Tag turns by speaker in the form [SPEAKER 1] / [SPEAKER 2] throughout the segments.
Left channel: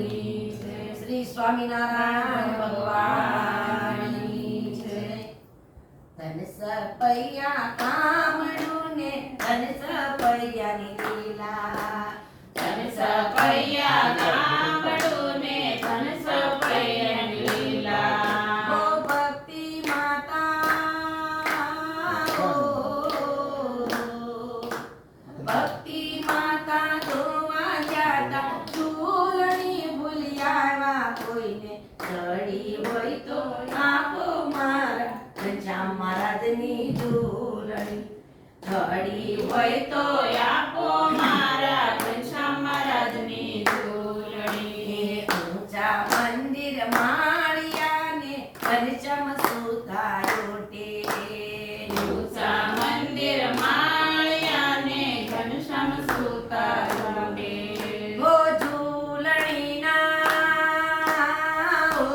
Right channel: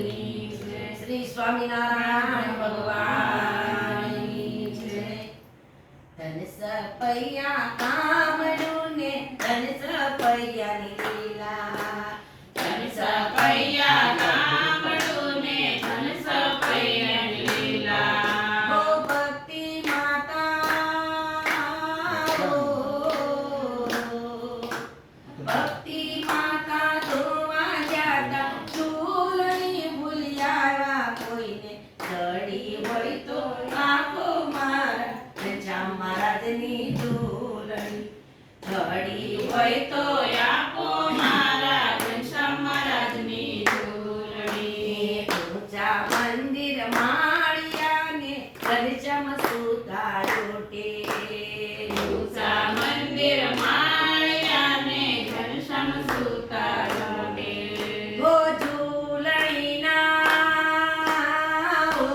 [SPEAKER 1] શ્રી સ્વામિનારાયણ ભગવાન ધન સપૈયા કામડું ને ધન સપૈયાની હોય તો
[SPEAKER 2] આપો ઘનશ્યામ.
[SPEAKER 1] ઊંચા મંદિર પરચમ
[SPEAKER 2] ઊંચા ઘનશ્યામ સુતારો ડે.
[SPEAKER 1] હો ઝૂલણીના હો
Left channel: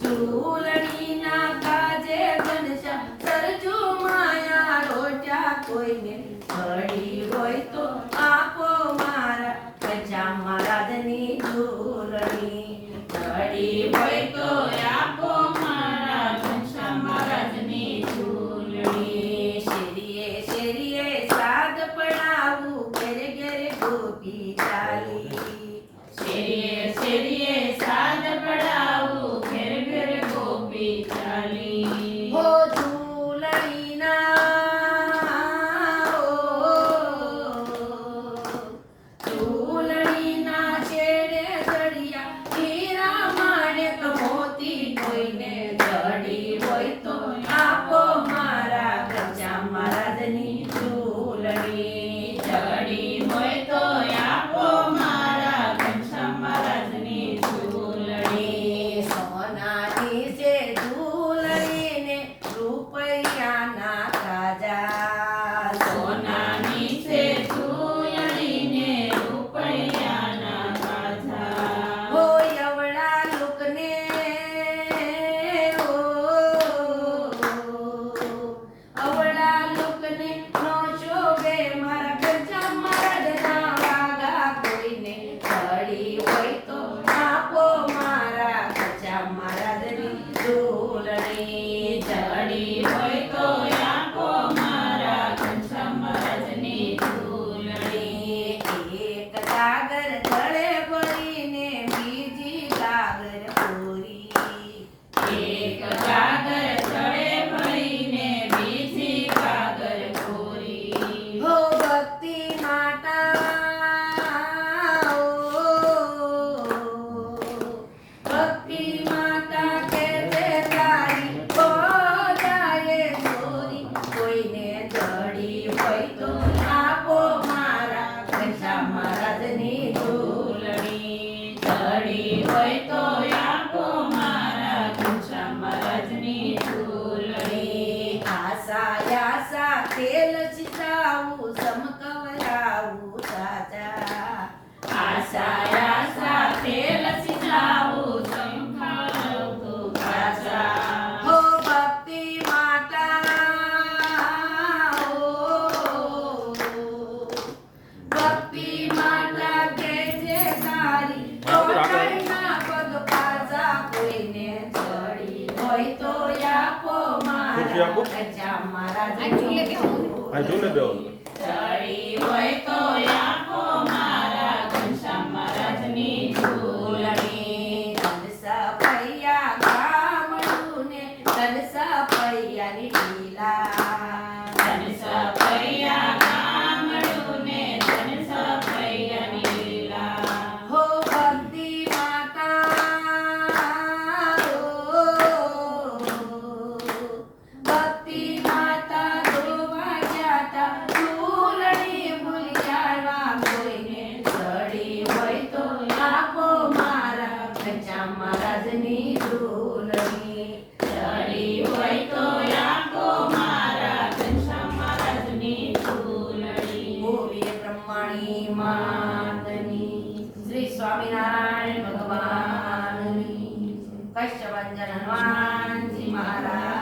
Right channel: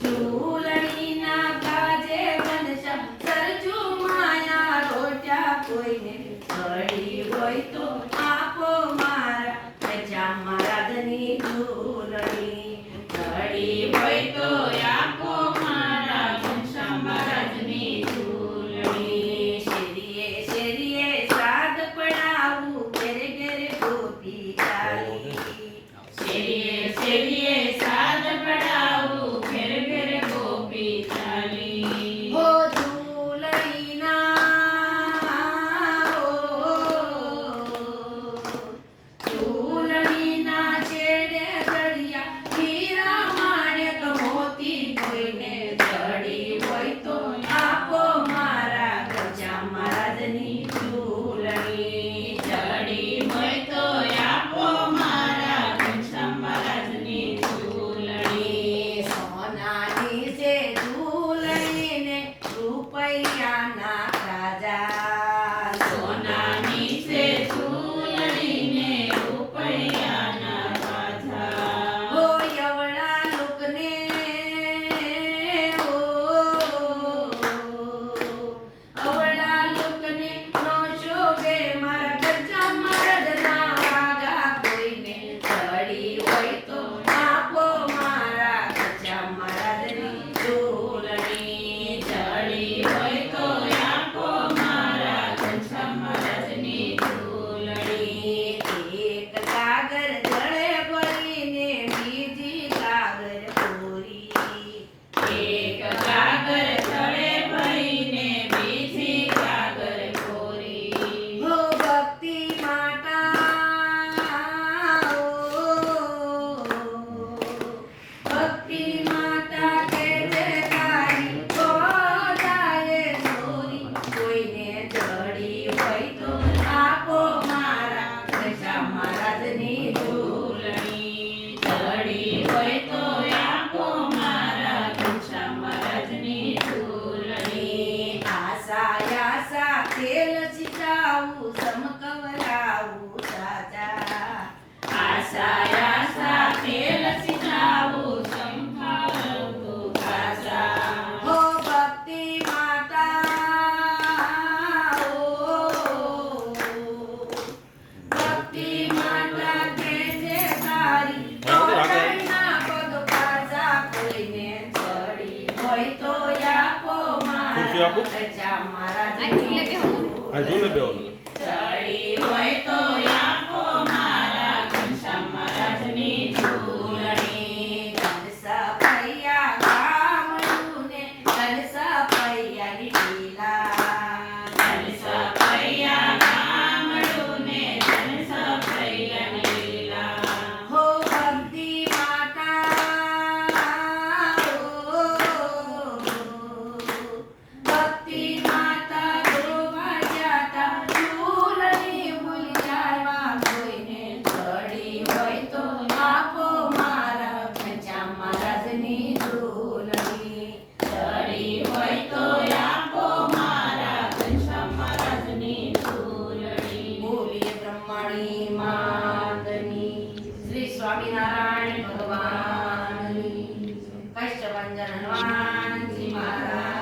[SPEAKER 1] ઝૂલણીના કોઈને ઘડી હોય તો આપો મારા. કચા મારા ધની ઝૂલણી
[SPEAKER 2] ઘડી હોય તો આપો મારા. કચા મારા ધની ઝૂલણી.
[SPEAKER 1] શેરીએ શેરીએ સાગ પડાવું. ઘેર ઘેર ગોપી ચાલી.
[SPEAKER 2] શેરીએ શેરીએ
[SPEAKER 1] કોઈને જડી હોય તો
[SPEAKER 2] હોય તો આપો મારા
[SPEAKER 1] રજા મારા જુલે બેહો સ્વામિનારાયણ
[SPEAKER 3] ભગવાન. કશ્ય
[SPEAKER 1] ભંજન હનુમાનજી મહારાજ.